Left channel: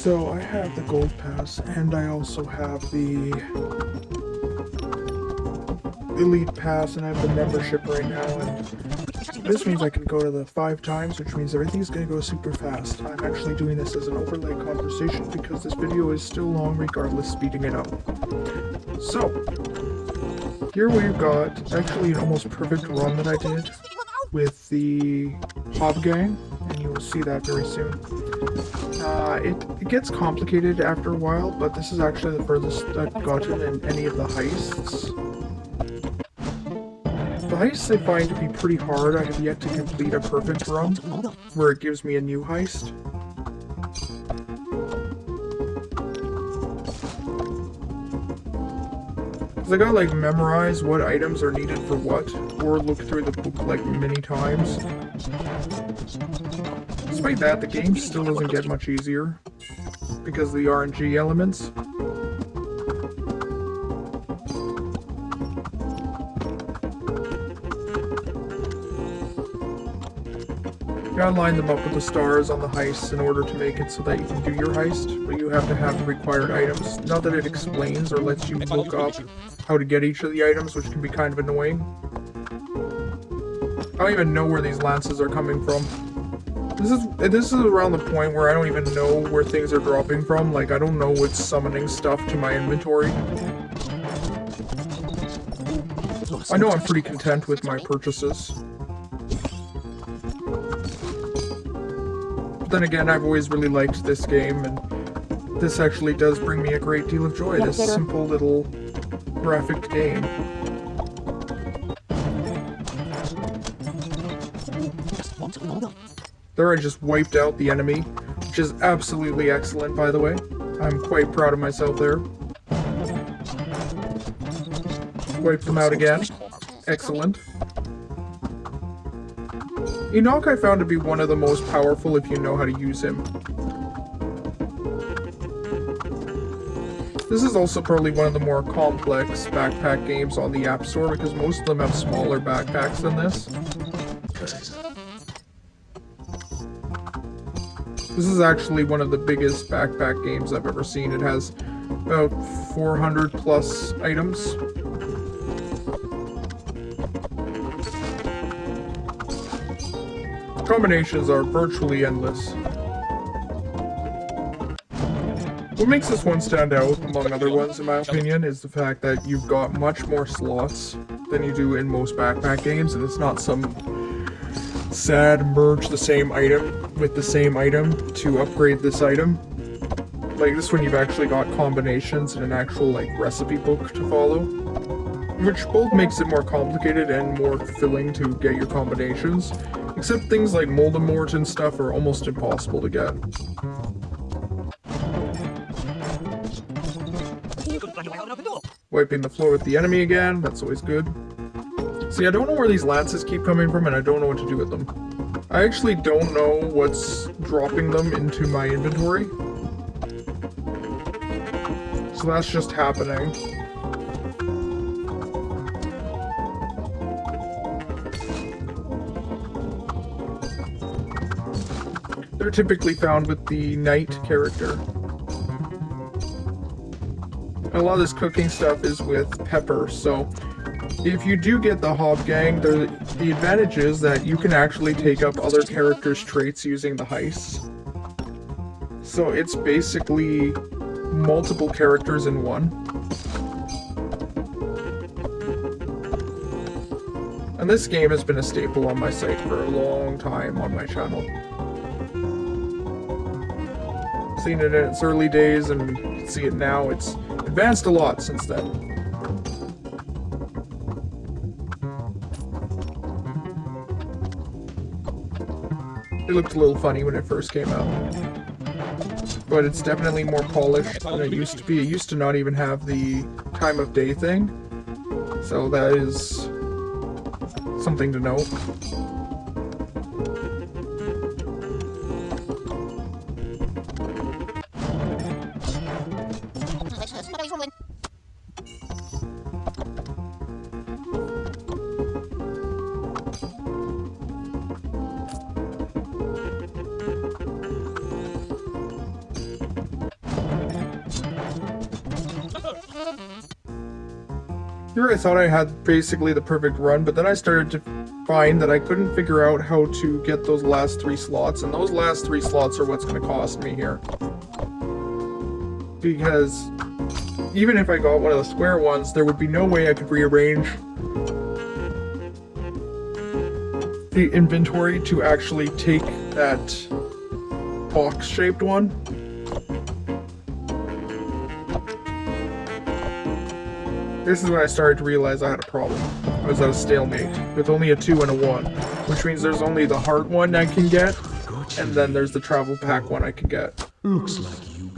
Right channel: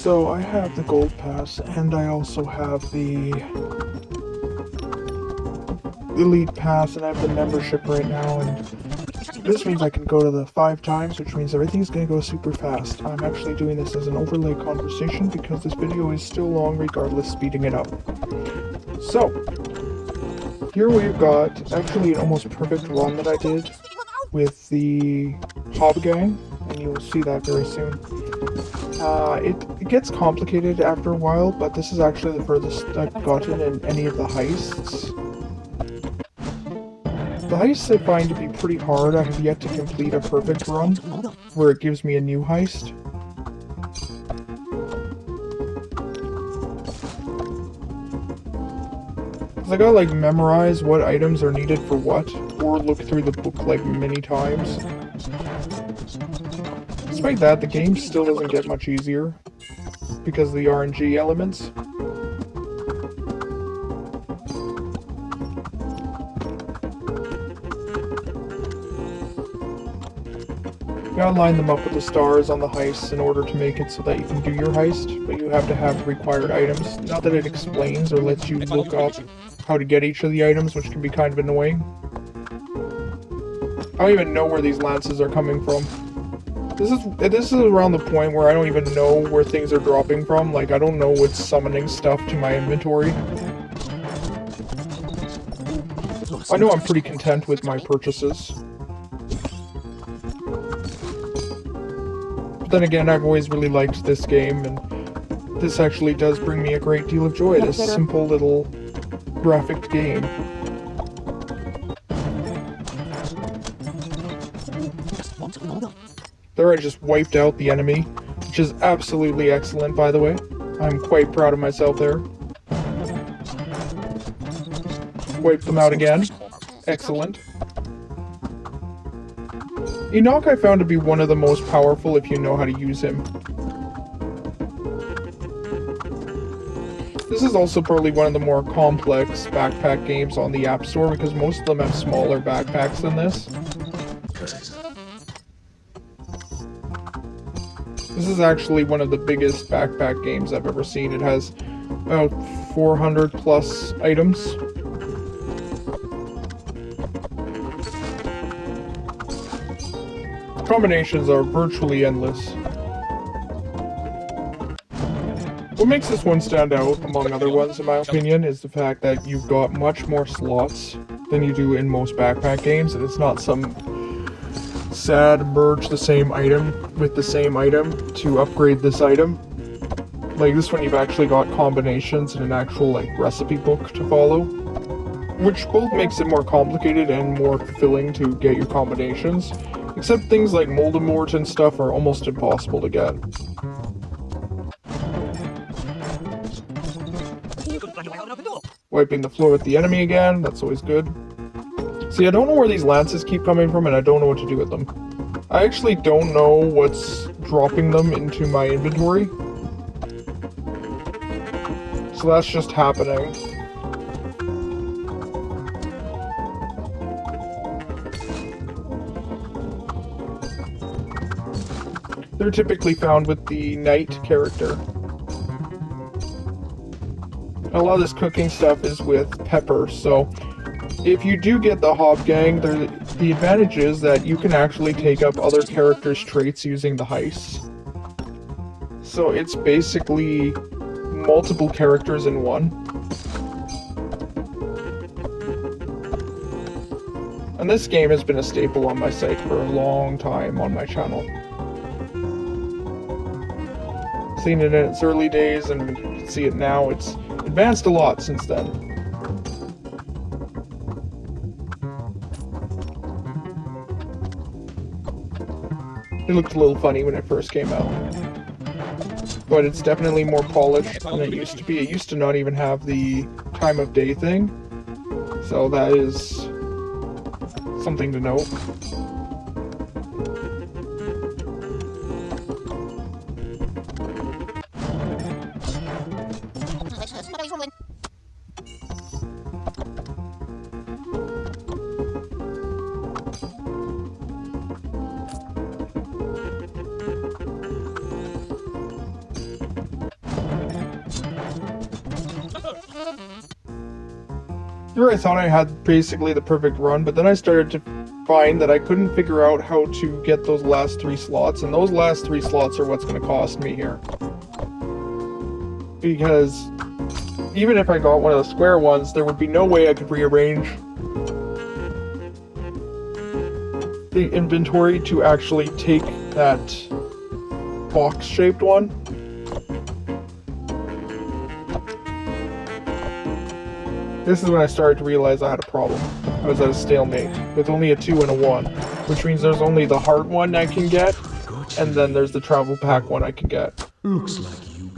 So I have the gold pass and I also have the elite pass and I have the membership right now. And this means I can go to the 5 times, which means everything's going to go super fast. I'm actually doing this as an overlay conversation because this video is still long regardless, speeding it up. So, here we've got actually an almost perfect run that I did with the Hob Gang, and you will see that very soon. It gets complicated after a while, but this is actually the furthest I've gotten in any of the heists. The heists I find to be pretty hard. I have yet to complete a perfect run where it gives me a new heist. I gotta like memorize what items are needed for what, or look through the book like many times. Despite that, the game still doesn't get much easier because of the RNG elements. You gotta line them up with the stars on the heists in order to make it so that you can do your heist, but you have to have the required items. Not that it explains or lets you look up how to get each of the items, which can be kind of annoying. I don't even know where these lances are coming from. This is around the point where I don't even know where things are dropping from. Like, I don't know what's summoning stuff to my inventory. I know I'm pretty content with my purchases. But then again, I've always really liked this game, and this actually does bring me a great deal of joy. This simple little graphic game. There I just wiped out the enemy, which is absolutely excellent, by the way. I'm quite proud of myself there. Wipe them out again. Excellent. Enoch I found to be one of the most powerful if you know how to use him. This is also probably one of the more complex backpack games on the App Store because most of them have smaller backpacks than this. This is actually one of the biggest backpack games I've ever seen. It has about 400 plus items. Combinations are virtually endless. What makes this one stand out, among other ones in my opinion, is the fact that you've got much more slots than you do in most backpack games, and it's not some sad merge the same item with the same item to upgrade this item. Like this one you've actually got combinations and an actual like recipe book to follow, which both makes it more complicated and more fulfilling to get your combinations, except things like Moldemort and stuff are almost impossible to get. Wiping the floor with the enemy again, that's always good. See, I don't know where these lances keep coming from and I don't know what to do with them. I actually don't know what's dropping them into my inventory. So that's just happening. They're typically found with the knight character. A lot of this cooking stuff is with pepper, so if you do get the Hob Gang, the advantage is that you can actually take up other characters' traits using the heists. So it's basically multiple characters in one. And this game has been a staple on my site for a long time on my channel. Seen it in its early days and you can see it now. It's advanced a lot since then. It looked a little funny when it first came out, but it's definitely more polished than it used to be. It used to not even have the time of day thing, so that is something to know. Here I thought I had basically the perfect run, but then I started to find that I couldn't figure out how to get those last 3 slots, and those last 3 slots are what's going to cost me here. Because even if I got one of the square ones, there would be no way I could rearrange the inventory to actually take that box-shaped one. This is when I started to realize I had a problem. I was at a stalemate with only a 2 and a 1, which means there's only the heart one I can get, and then there's the travel pack one I can get. Looks like you.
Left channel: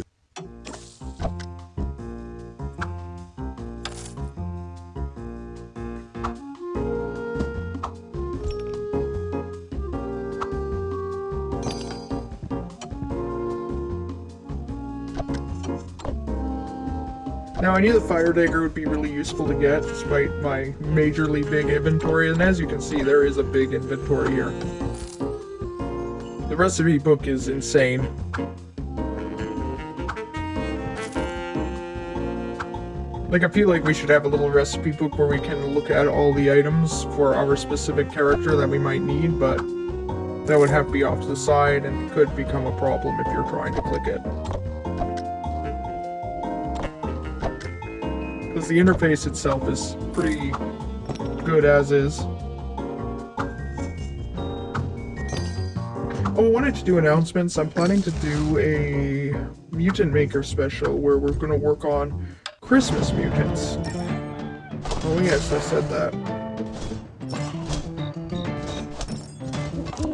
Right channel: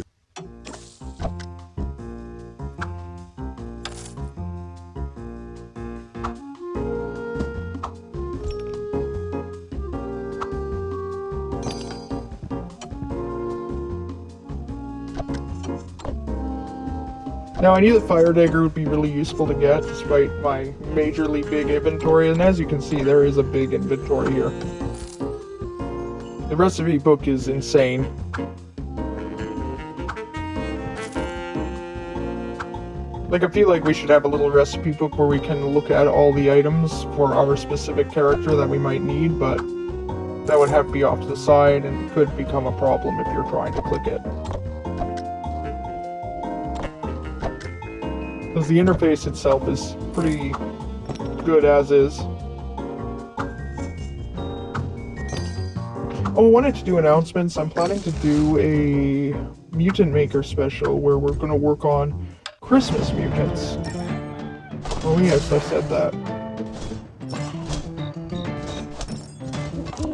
Now I knew the fire dagger would be really useful to get despite my majorly big inventory, and as you can see there is a big inventory here. The recipe book is insane. Like, I feel like we should have a little recipe book where we can look at all the items for our specific character that we might need, but that would have to be off to the side and could become a problem if you're trying to click it. Because the interface itself is pretty good as is. Oh, I wanted to do announcements. I'm planning to do a Mutant Maker special where we're going to work on Christmas mutants. Oh yes, I said that.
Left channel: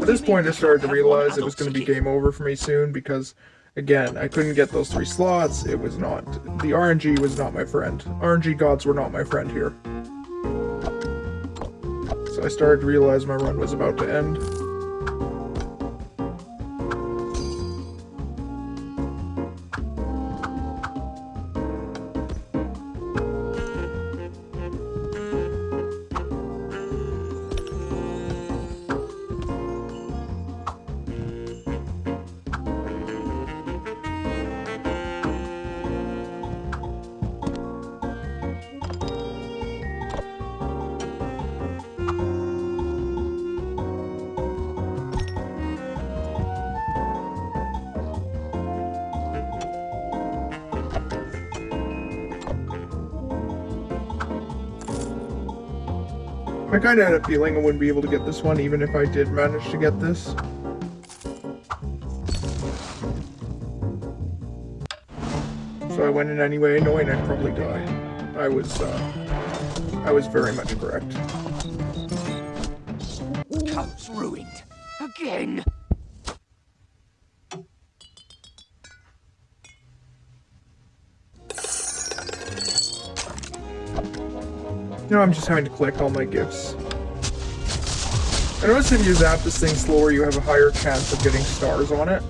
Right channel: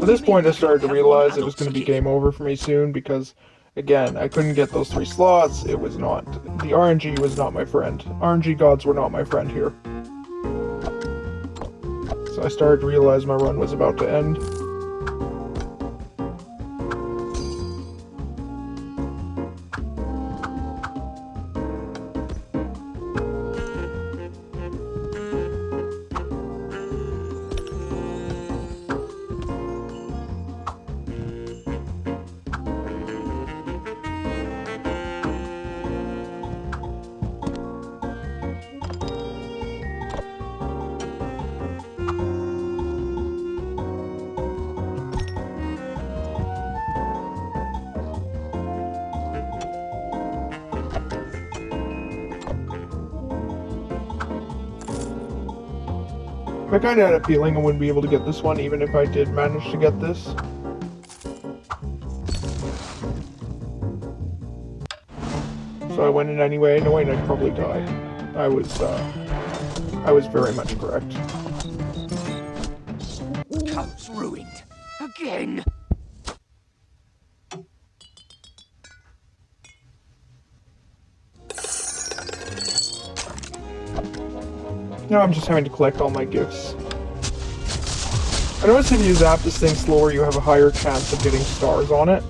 At this point I started to realize it was going to be game over for me soon because, again, I couldn't get those 3 slots. It was not... The RNG was not my friend. RNG gods were not my friend here. So I started to realize my run was about to end. I kinda had a feeling I wouldn't be able to get this one, even if I did manage to get this. So I went in anyway, knowing I'd probably die. I was very much correct. House ruined. Again. Now I'm just having to collect all my gifts. I noticed if you zap this thing slower, you have a higher chance of getting stars on it.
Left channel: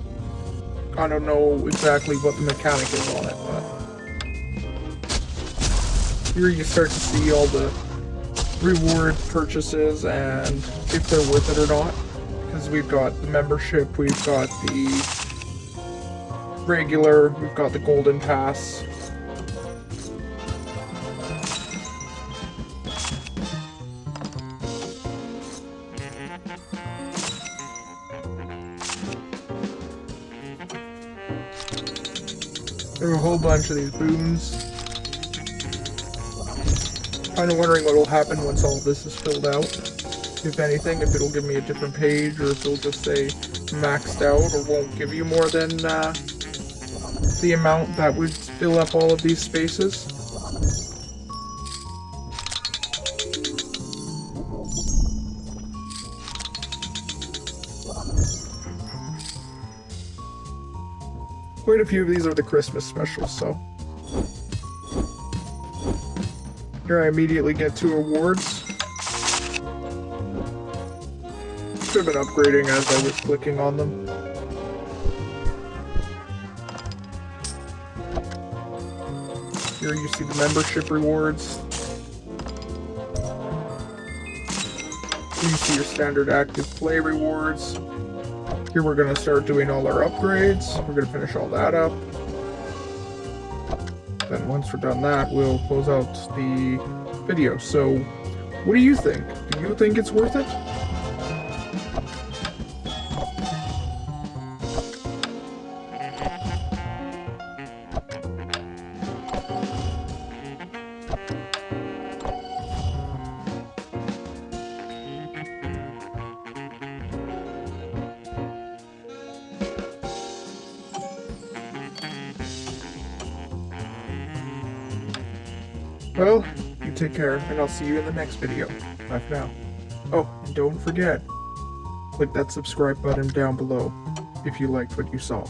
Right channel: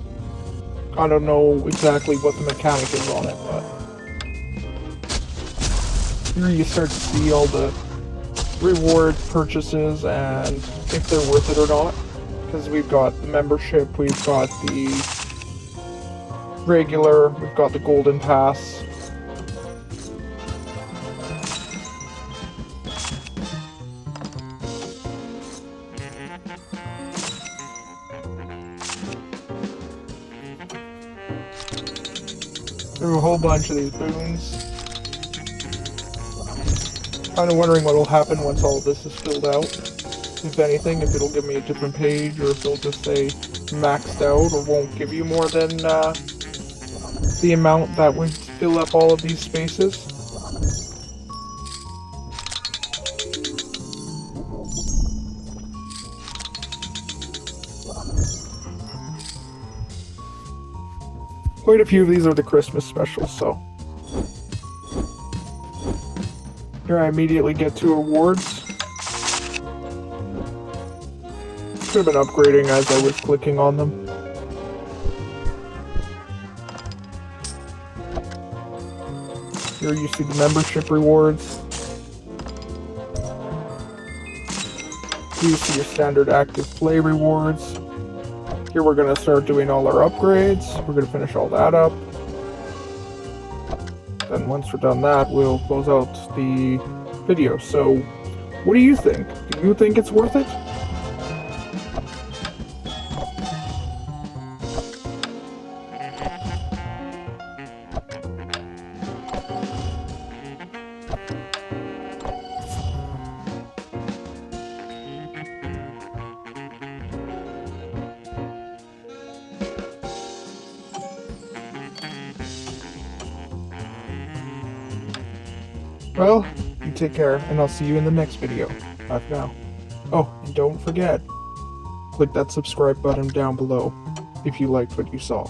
I don't know exactly what the mechanic is on it, but... Here you start to see all the reward purchases and if they're worth it or not. Because we've got the membership, we've got the regular, we've got the golden pass. There are a whole bunch of these boons. Kind of wondering what will happen once all of this is filled out. If anything, if it'll give me a different page, or if it'll just say maxed out, or won't give you more than the amount that would fill up all of these spaces. Quite a few of these are the Christmas specials, so... Here I immediately get 2 rewards. Could have been upgrading as I was clicking on them. Here you see the membership rewards. Here you see your standard active play rewards. Here we're going to start doing all our upgrades. We're going to finish all that up. Then once we're done that, we'll close out the video. So, what do you think? Do you think it's worth it? Well, you take care, and I'll see you in the next video. Bye for now. Oh, and don't forget, click that subscribe button down below if you liked what you saw.